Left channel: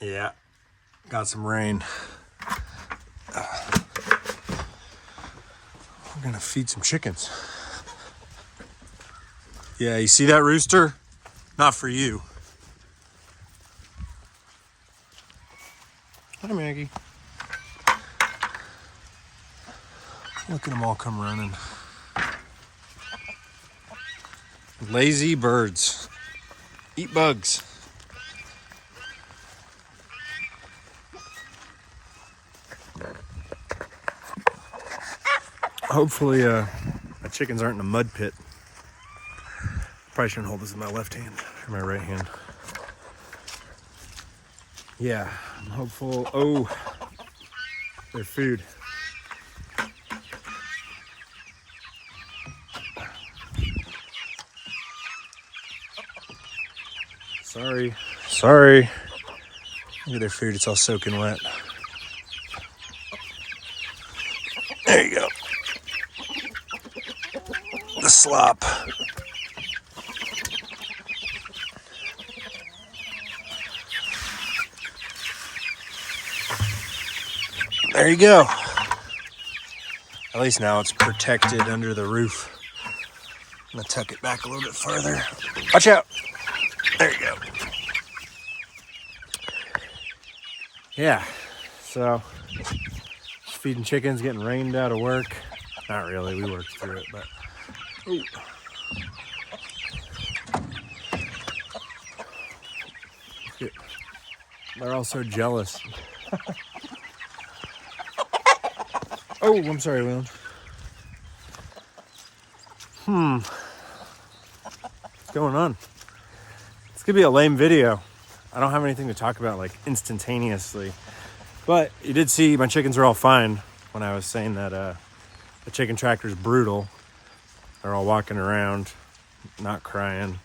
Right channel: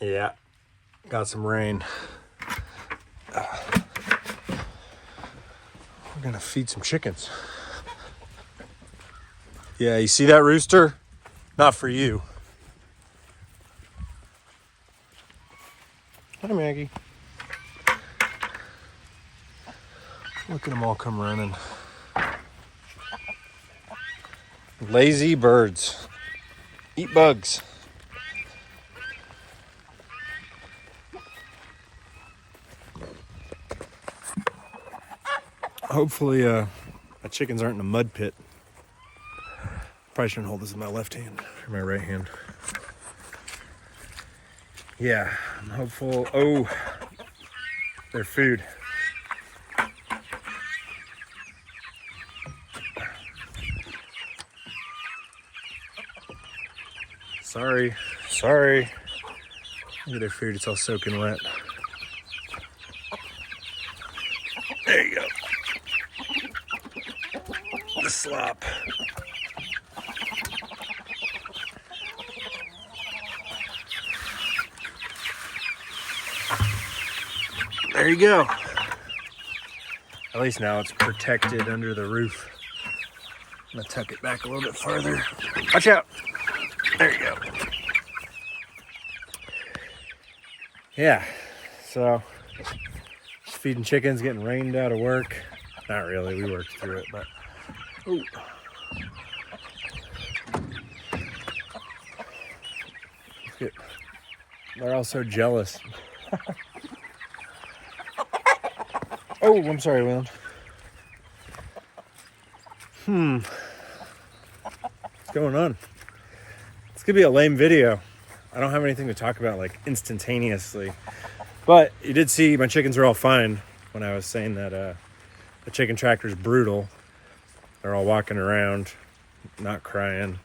Yeah, got some rain. We're gonna feed some chickens. Yeah, you see that rooster? Not for you. Hi, Maggie. Look at them all come running. Lazy birds. Eat bugs. Hopefully, my chickens aren't in a mud pit. Probably shouldn't hold this in my left hand or my right hand. Yeah, I'm hopeful. Oh, their food. Sorry. Look at their food, it's all soaking wet. There you go. The slop. There you go. At least now it's protected under the roof. I'm gonna tuck it back a little bit farther. Watch out. There you go. Yeah, so just feeding chickens, getting rained out of work. Not really, we worked through it, but ooh. They're all so jealous. Oh, I'm sorry, Will. What's going on? It's gonna be a lame video. I don't have anything to talk about like instantaneously, but you did see my chickens are all fine when I was saying that the chicken tractor is brutal. They're all walking around, not crying.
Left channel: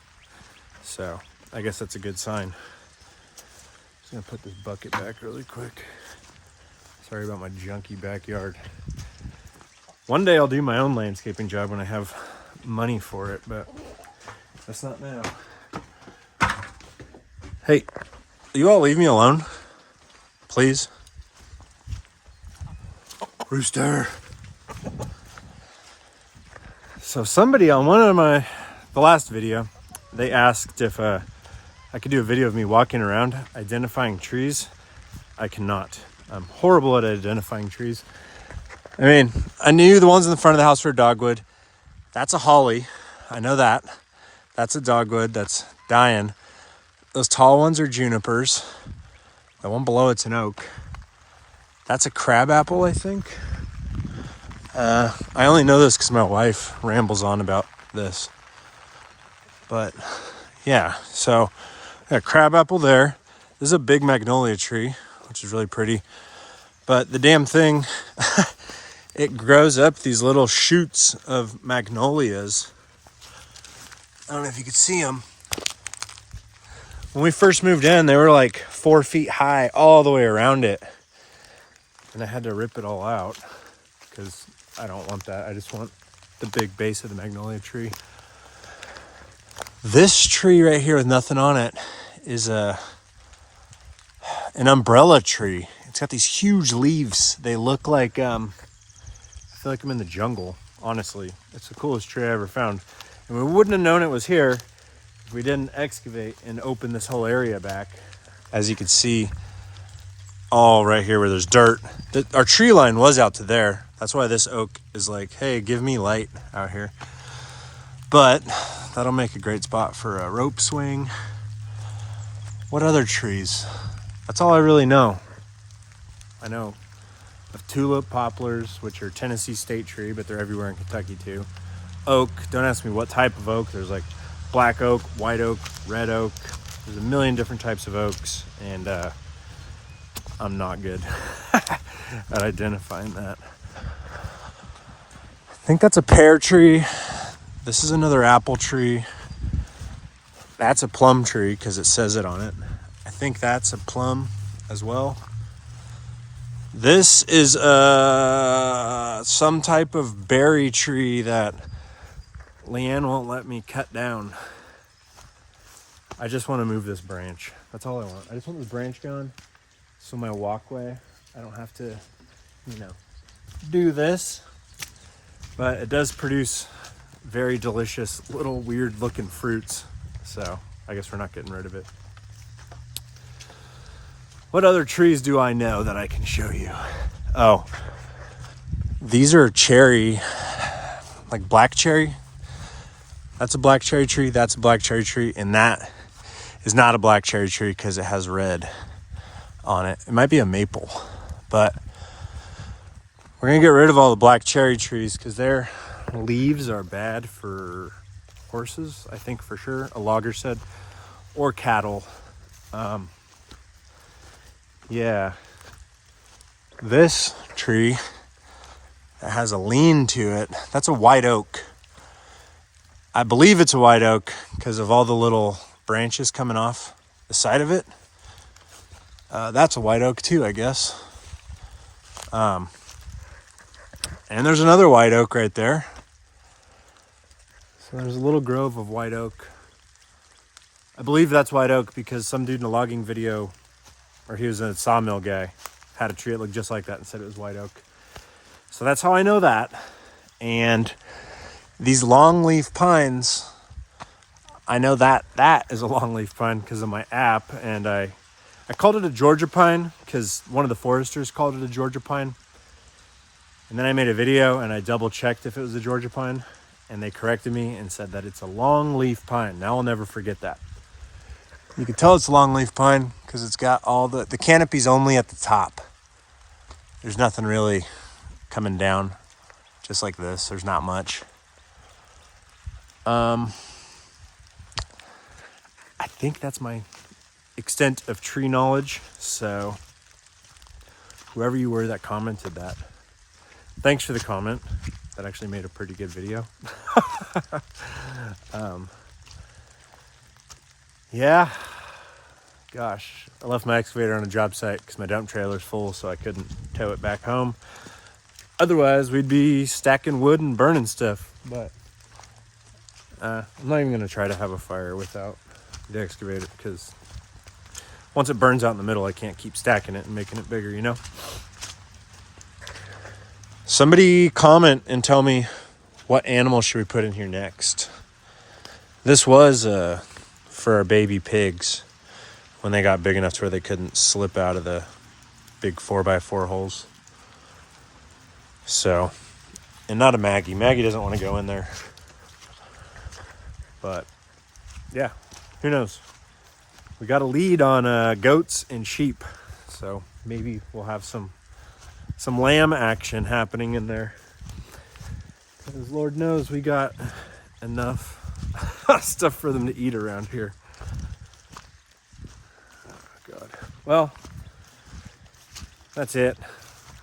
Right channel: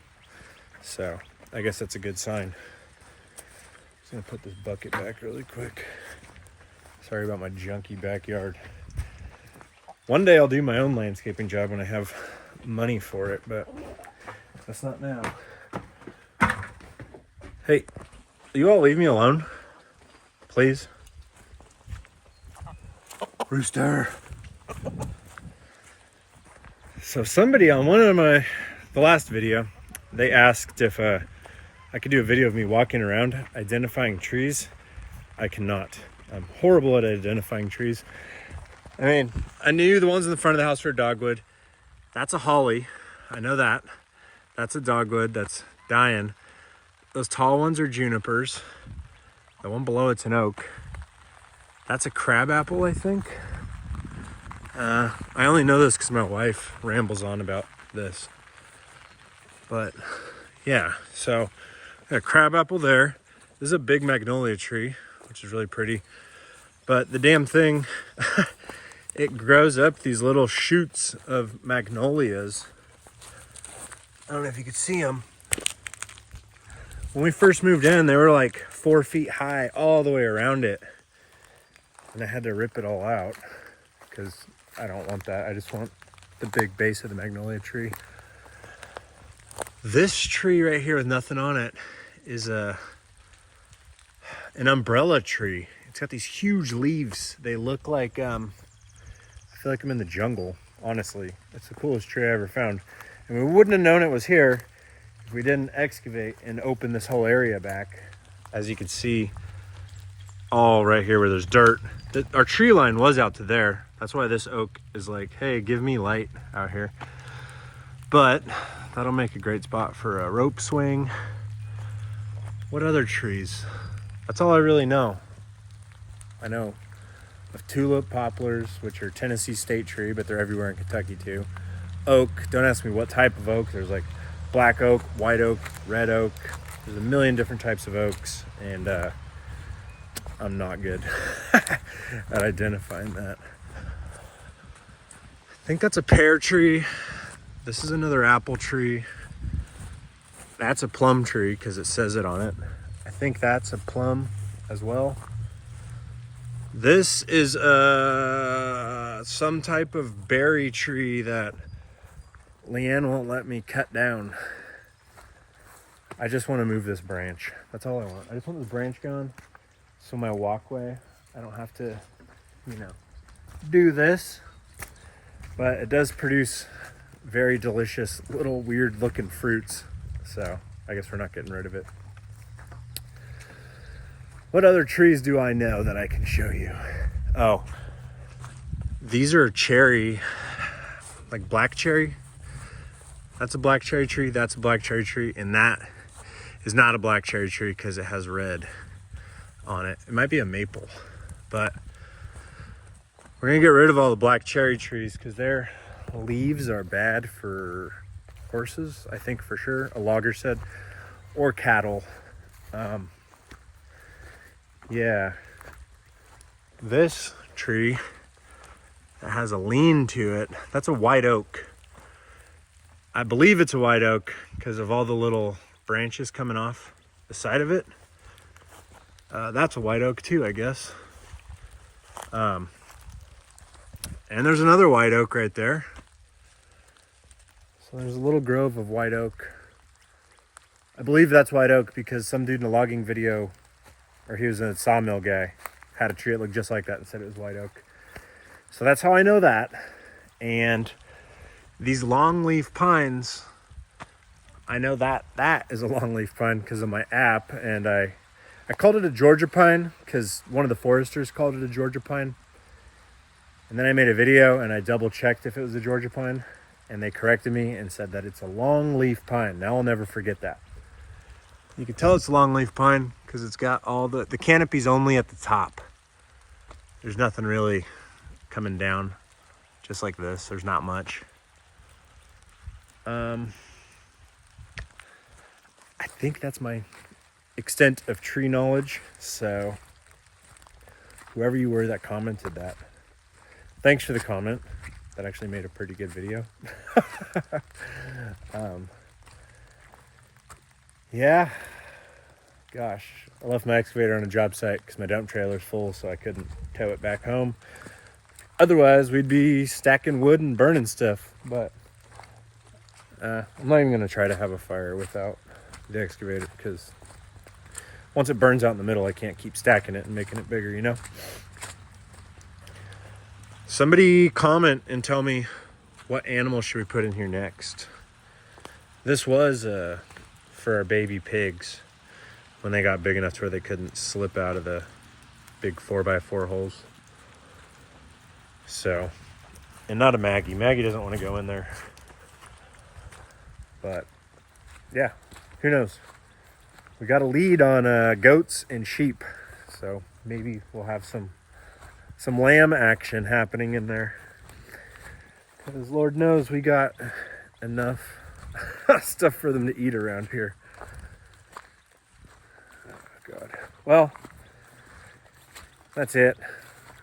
So I guess that's a good sign. Just gonna put this bucket back really quick. Sorry about my junky backyard. One day I'll do my own landscaping job when I have money for it, but that's not now. Hey, you all leave me alone, please? Rooster. So somebody on the last video, they asked if I could do a video of me walking around identifying trees. I cannot. I'm horrible at identifying trees. I mean, I knew the ones in the front of the house were dogwood. That's a holly. I know that. That's a dogwood that's dying. Those tall ones are junipers. The one below it's an oak. That's a crabapple, I think. I only know this because my wife rambles on about this. But yeah, so a crabapple there. This is a big magnolia tree, which is really pretty. But the damn thing, it grows up these little shoots of magnolias. I don't know if you could see them. When we first moved in, they were like 4 feet high all the way around it. And I had to rip it all out because I don't want that. I just want the big base of the magnolia tree. This tree right here with nothing on it is an umbrella tree. It's got these huge leaves. They look like, I feel like I'm in the jungle, honestly. It's the coolest tree I ever found. And we wouldn't have known it was here if we didn't excavate and open this whole area back. As you can see, all right here where there's dirt. Our tree line was out to there. That's why this oak is like, hey, give me light out here. But that'll make a great spot for a rope swing. What other trees? That's all I really know. I know of tulip, poplars, which are Tennessee state tree, but they're everywhere in Kentucky too. Oak, don't ask me what type of oak. There's like black oak, white oak, red oak. There's a million different types of oaks, and I'm not good at identifying that. I think that's a pear tree. This is another apple tree. That's a plum tree because it says it on it. I think that's a plum as well. This is some type of berry tree that Leanne won't let me cut down. I just want to move this branch. That's all I want. I just want this branch gone so my walkway, I don't have to, you know, do this. But it does produce very delicious little weird looking fruits. So I guess we're not getting rid of it. What other trees do I know that I can show you? Oh, these are cherry, like black cherry. That's a black cherry tree, that's a black cherry tree, and that is not a black cherry tree because it has red on it. It might be a maple, but we're gonna get rid of all the black cherry trees because their leaves are bad for horses, I think for sure, a logger said, or cattle. Yeah, this tree that has a lean to it, that's a white oak. I believe it's a white oak because of all the little branches coming off the side of it. That's a white oak too, I guess. And there's another white oak right there. So there's a little grove of white oak. I believe that's white oak because some dude in a logging video, or he was a sawmill guy, had a tree that looked just like that and said it was white oak. So that's how I know that. And these longleaf pines, I know that that is a longleaf pine because of my app, and I called it a Georgia pine because one of the foresters called it a Georgia pine. And then I made a video and I double checked if it was a Georgia pine, and they corrected me and said that it's a longleaf pine. Now I'll never forget that. You can tell it's a longleaf pine because it's got all the canopy's only at the top. There's nothing really coming down, just like this. There's not much. I think that's my extent of tree knowledge. So whoever you were that commented that, thanks for the comment. That actually made a pretty good video. Yeah, gosh, I left my excavator on a job site because my dump trailer's full, so I couldn't tow it back home. Otherwise, we'd be stacking wood and burning stuff. But I'm not even gonna try to have a fire without the excavator because once it burns out in the middle, I can't keep stacking it and making it bigger, you know? Somebody comment and tell me what animal should we put in here next. This was for our baby pigs when they got big enough to where they couldn't slip out of the big 4x4 holes. So, and not a Maggie. Maggie doesn't want to go in there. But yeah, who knows? We got a lead on goats and sheep, so maybe we'll have some lamb action happening in there. Because Lord knows we got enough stuff for them to eat around here. Oh, God. Well, that's it.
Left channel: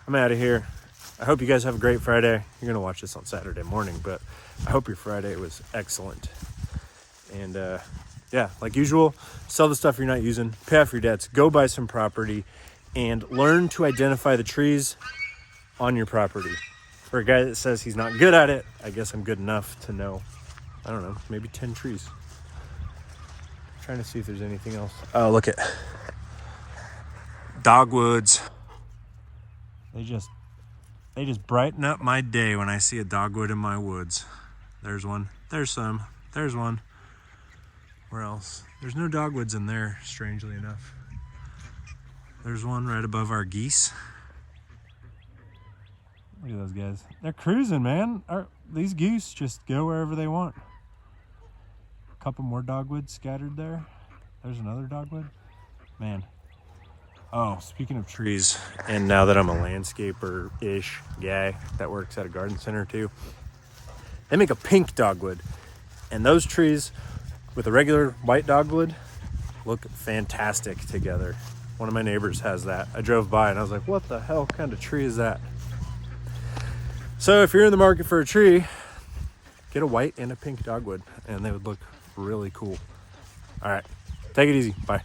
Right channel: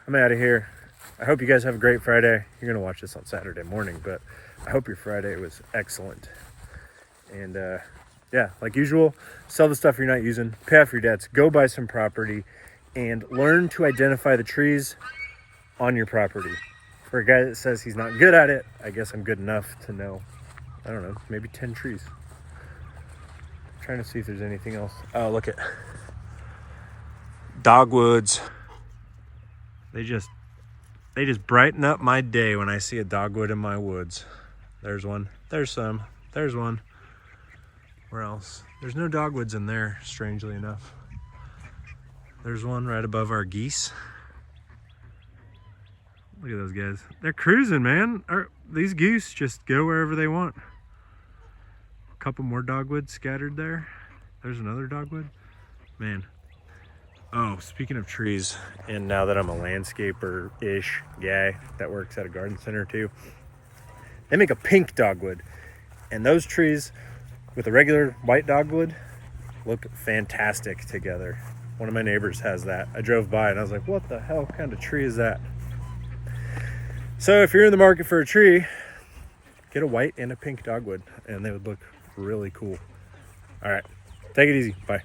I'm out of here. I hope you guys have a great Friday. You're going to watch this on Saturday morning, but I hope your Friday was excellent. And yeah, like usual, sell the stuff you're not using, pay off your debts, go buy some property, and learn to identify the trees on your property. For a guy that says he's not good at it, I guess I'm good enough to know, I don't know, maybe 10 trees. I'm trying to see if there's anything else. Oh, look at dogwoods. They just brighten up my day when I see a dogwood in my woods. There's one, there's some, there's one. Where else? There's no dogwoods in there, strangely enough. There's one right above our geese. Look at those guys. They're cruising, man. These geese just go wherever they want. A couple more dogwoods scattered there. There's another dogwood. Man. Oh, speaking of trees, and now that I'm a landscaper-ish guy that works at a garden center too, they make a pink dogwood. And those trees with a regular white dogwood look fantastic together. One of my neighbors has that. I drove by and I was like, what the hell kind of tree is that? So if you're in the market for a tree, get a white and a pink dogwood and they would look really cool. All right, take it easy. Bye.